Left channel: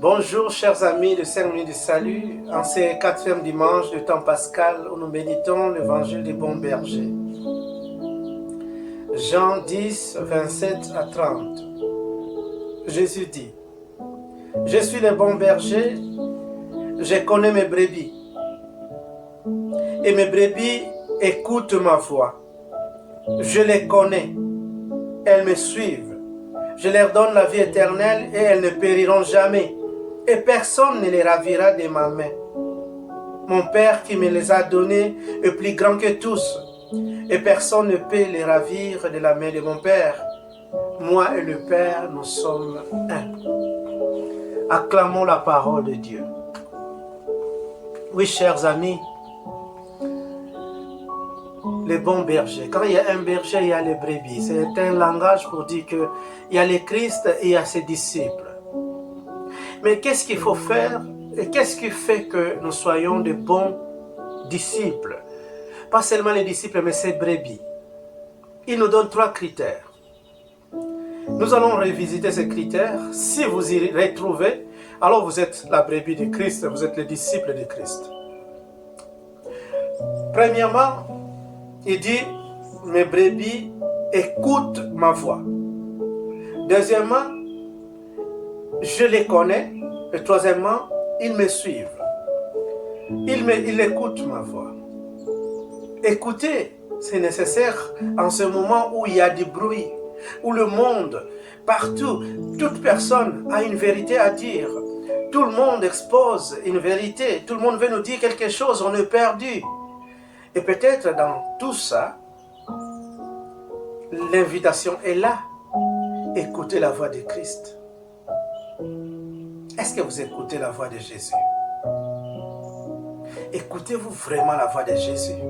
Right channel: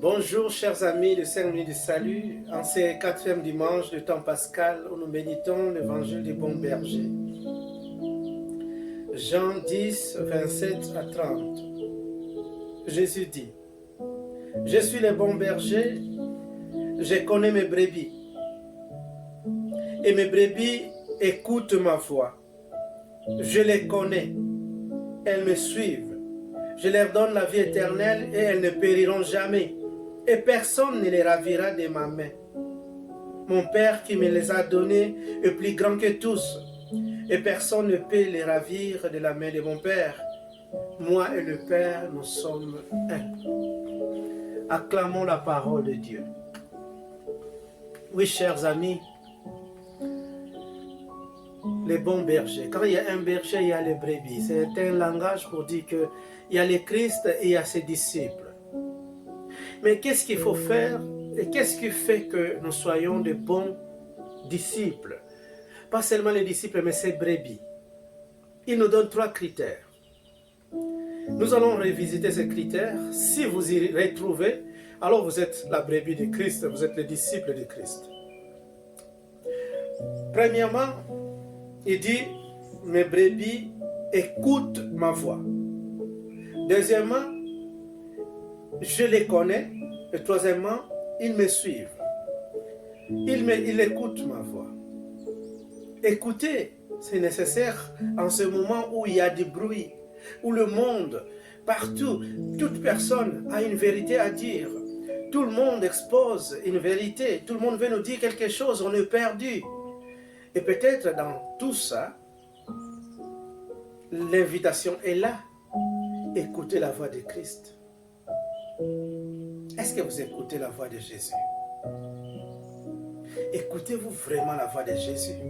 Bonjour chers amis de 5 minutes du salut, en ce quatrième dimanche du temps pascal où nous méditons l'évangile du bon berger. Jean 10, 27 à 30. Jésus dit, je suis le bon berger, je connais mes brebis. Et mes brebis écoutent ma voix. Je les connais, elles me suivent. Je leur donne la vie éternelle et elles ne périront jamais. Et personne ne les ravira de ma main. Mon Père qui me les a donnés est plus grand que tous, et personne ne peut les ravir de la main de mon Père. Moi et le Père, nous sommes un. Acclamons la parole de Dieu. Oui, chers amis, les bons bergers. Quand il y a un berger, il y a les brebis. C'est un langage pour dire qu'il y a le Christ et il y a ses disciples. Mais qu'est-ce qu'il faut faire et qu'est-ce qui fait que nous soyons de bons disciples? Pas seulement les disciples, mais ces brebis. Il nous donne 3 critères. Nous allons revisiter ces critères. Si vous y retrouvez, alors vous êtes la brebis de Christ, vous êtes le disciple de Christ. Premièrement, il dit, mes brebis écoutent ma voix. Deuxièmement, je les connais. Et troisièmement, ils me suivent. Ils écoutent ma voix. Écouter, c'est nécessaire en ce moment où il y a du bruit, où le monde, partout, toute personne a une vérité à dire. Tout le monde expose une vérité. Tout le monde veut nous dire quelque chose, on est perdu. Et peut-être dans tout ça, l'invitation est là. Écoutez la voix de Christ. Est-ce que vous écoutez la voix de Jésus? Écoutez-vous vraiment la voix de Jésus?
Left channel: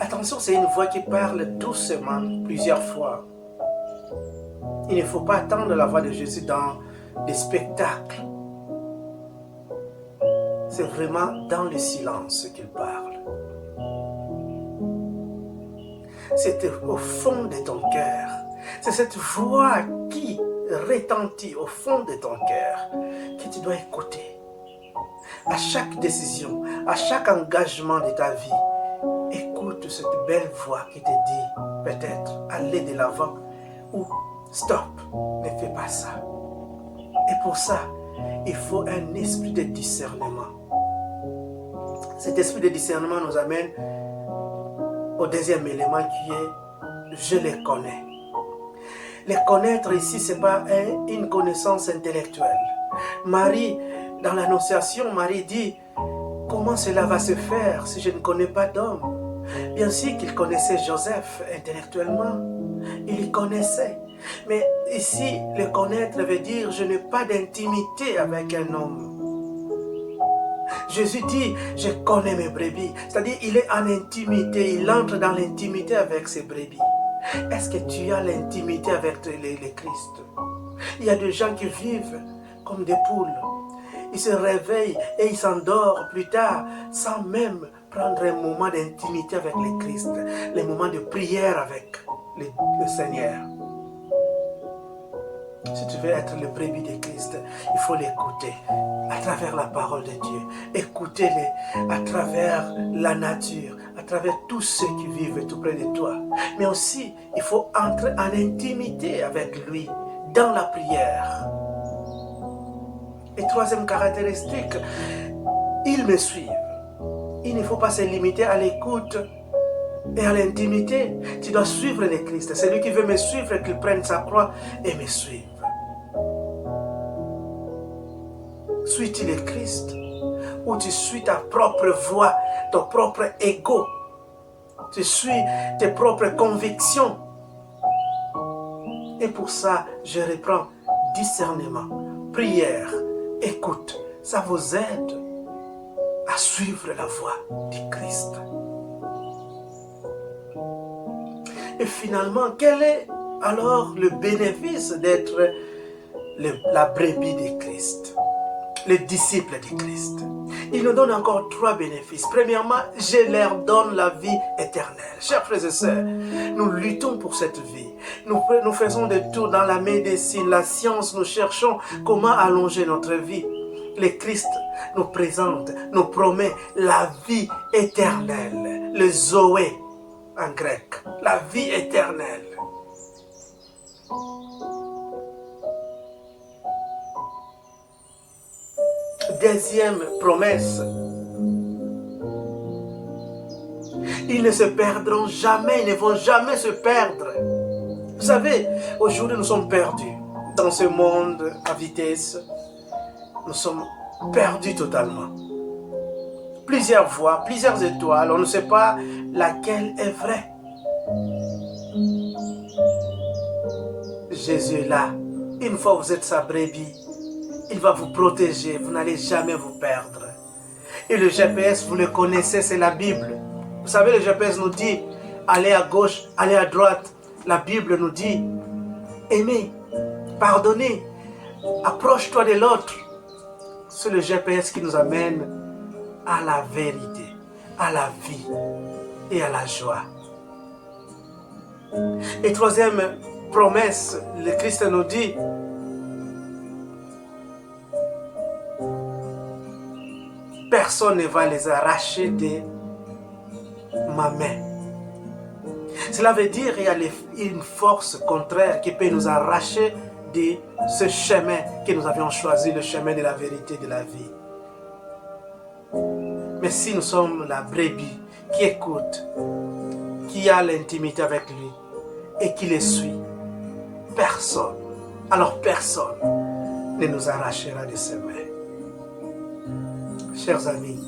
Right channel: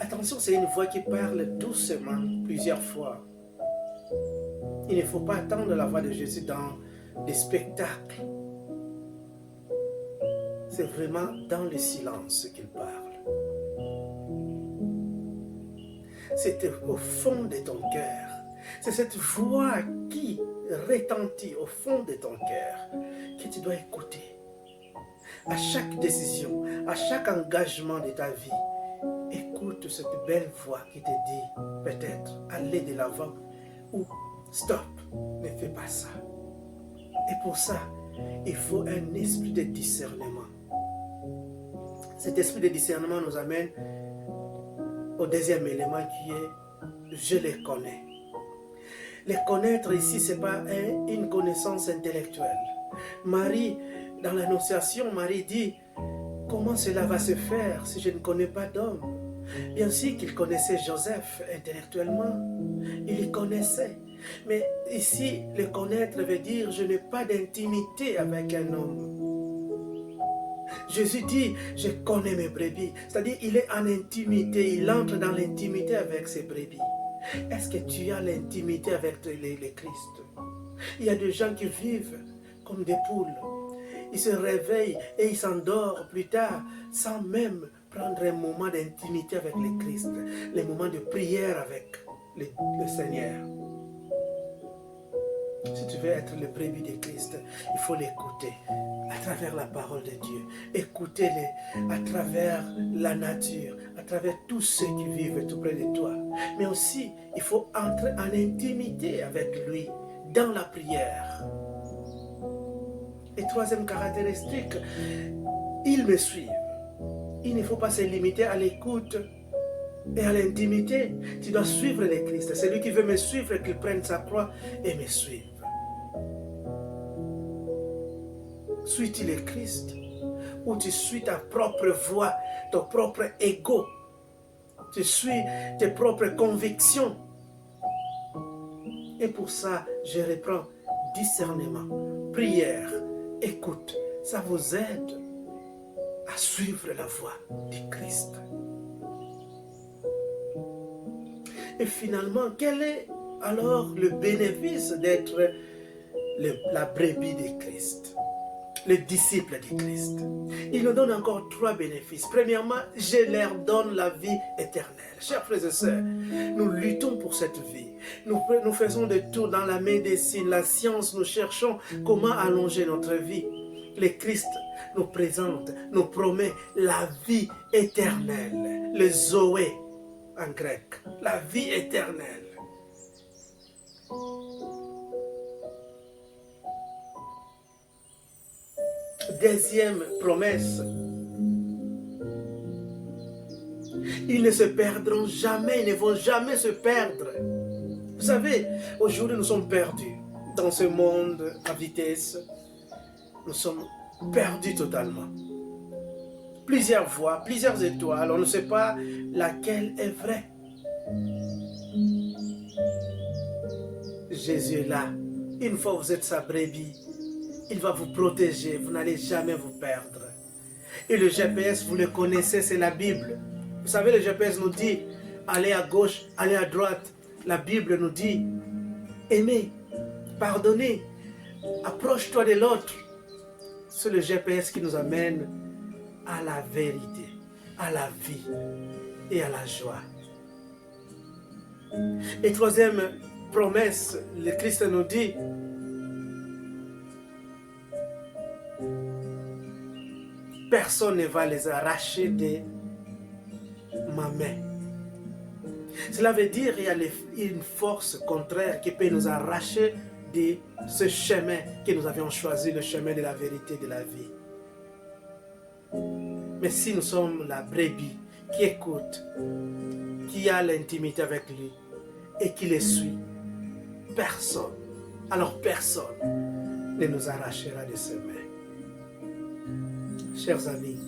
Attention, c'est une voix qui parle doucement plusieurs fois. Il ne faut pas attendre la voix de Jésus dans des spectacles. C'est vraiment dans le silence qu'il parle. C'est au fond de ton cœur. C'est cette voix qui retentit au fond de ton cœur que tu dois écouter. À chaque décision, à chaque engagement de ta vie, écoute cette belle voix qui te dit peut-être aller de l'avant ou stop, ne fais pas ça. Et pour ça, il faut un esprit de discernement. Cet esprit de discernement nous amène au deuxième élément qui est je les connais. Les connaître ici, ce n'est pas une connaissance intellectuelle. Marie, dans l'Annonciation, Marie dit, comment cela va se faire si je ne connais pas d'homme? Bien sûr qu'il connaissait Joseph intellectuellement, il y connaissait. Mais ici, le connaître veut dire, je n'ai pas d'intimité avec un homme. Jésus dit, je connais mes brebis. C'est-à-dire, il est en intimité, il entre dans l'intimité avec ses brebis. Est-ce que tu as l'intimité avec le Christ? Il y a des gens qui vivent comme des poules. Ils se réveillent et ils s'endorment plus tard sans même prendre un moment d'intimité avec le Christ, les moments de prière avec le Seigneur. Si tu veux être le brebis de Christ, il faut l'écouter à travers la parole de Dieu. Écoutez-le à travers la nature, à travers tous ceux qui vivent tout près de toi. Mais aussi, il faut entrer en intimité avec lui dans la prière. Et troisième caractéristique, ils me suivent. Il ne faut pas se limiter à l'écoute et à l'intimité. Tu dois suivre le Christ. Celui qui veut me suivre, qu'il prenne sa croix et me suive. Suis-tu le Christ ou tu suis ta propre voix, ton propre ego? Tu suis tes propres convictions. Et pour ça, je reprends discernement, prière, écoute. Ça vous aide à suivre la voie du Christ. Et finalement, quel est alors le bénéfice d'être la brebis de Christ? les disciples du Christ. Il nous donne encore 3 bénéfices. Premièrement, je leur donne la vie éternelle. Chers frères et sœurs, nous luttons pour cette vie. Nous faisons des tours dans la médecine, la science. Nous cherchons comment allonger notre vie. Le Christ nous présente, nous promet la vie éternelle. Le Zoé en grec. La vie éternelle. Deuxième promesse, ils ne se perdront jamais, ils ne vont jamais se perdre. Vous savez, aujourd'hui nous sommes perdus dans ce monde à vitesse. Nous sommes perdus totalement. Plusieurs voies, plusieurs étoiles, on ne sait pas laquelle est vraie. Jésus est là. Une fois que vous êtes sa brebis, il va vous protéger, vous n'allez jamais vous perdre. Et le GPS, vous le connaissez, c'est la Bible. Vous savez, le GPS nous dit, allez à gauche, allez à droite. La Bible nous dit, aimez, pardonnez, approche-toi de l'autre. C'est le GPS qui nous amène à la vérité, à la vie et à la joie. Et troisième promesse, le Christ nous dit, personne ne va les arracher de ma main. Cela veut dire qu'il y a une force contraire qui peut nous arracher de ce chemin que nous avions choisi, le chemin de la vérité, de la vie. Mais si nous sommes la brebis qui écoute, qui a l'intimité avec lui et qui le suit, personne, alors personne ne nous arrachera de ses mains. Chers amis,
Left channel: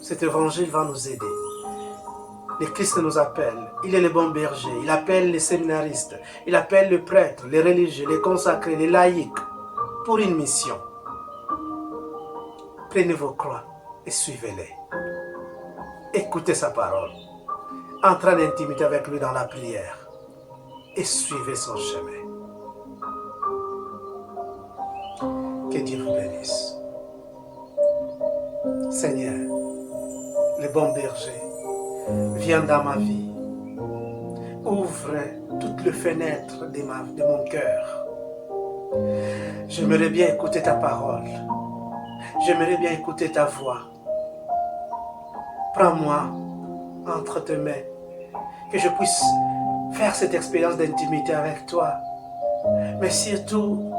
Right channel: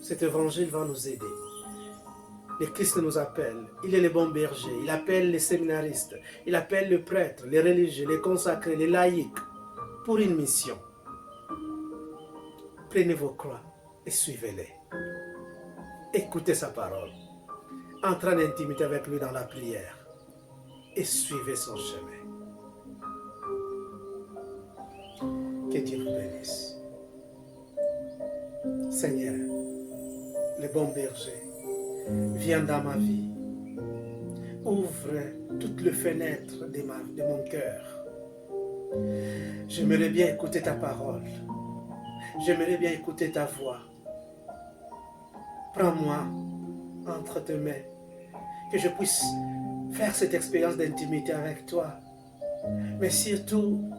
cet évangile va nous aider. Le Christ nous appelle, il est le bon berger, il appelle les séminaristes, il appelle les prêtres, les religieux, les consacrés, les laïcs, pour une mission. Prenez vos croix et suivez-les. Écoutez sa parole, entrez en intimité avec lui dans la prière et suivez son chemin. Que Dieu vous bénisse. Seigneur, le bon berger, viens dans ma vie. Ouvre toutes les fenêtres de mon cœur. J'aimerais bien écouter ta parole. J'aimerais bien écouter ta voix. Prends-moi entre tes mains, que je puisse faire cette expérience d'intimité avec toi. Mais surtout,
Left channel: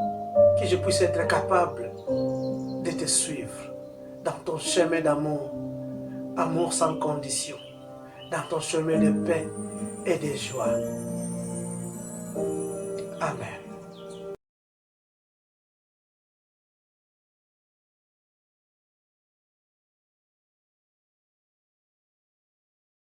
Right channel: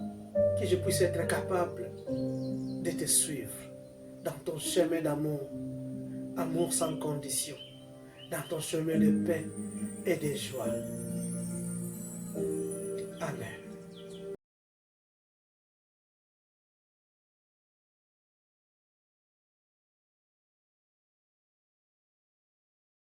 que je puisse être capable de te suivre dans ton chemin d'amour, amour sans condition, dans ton chemin de paix et de joie. Amen.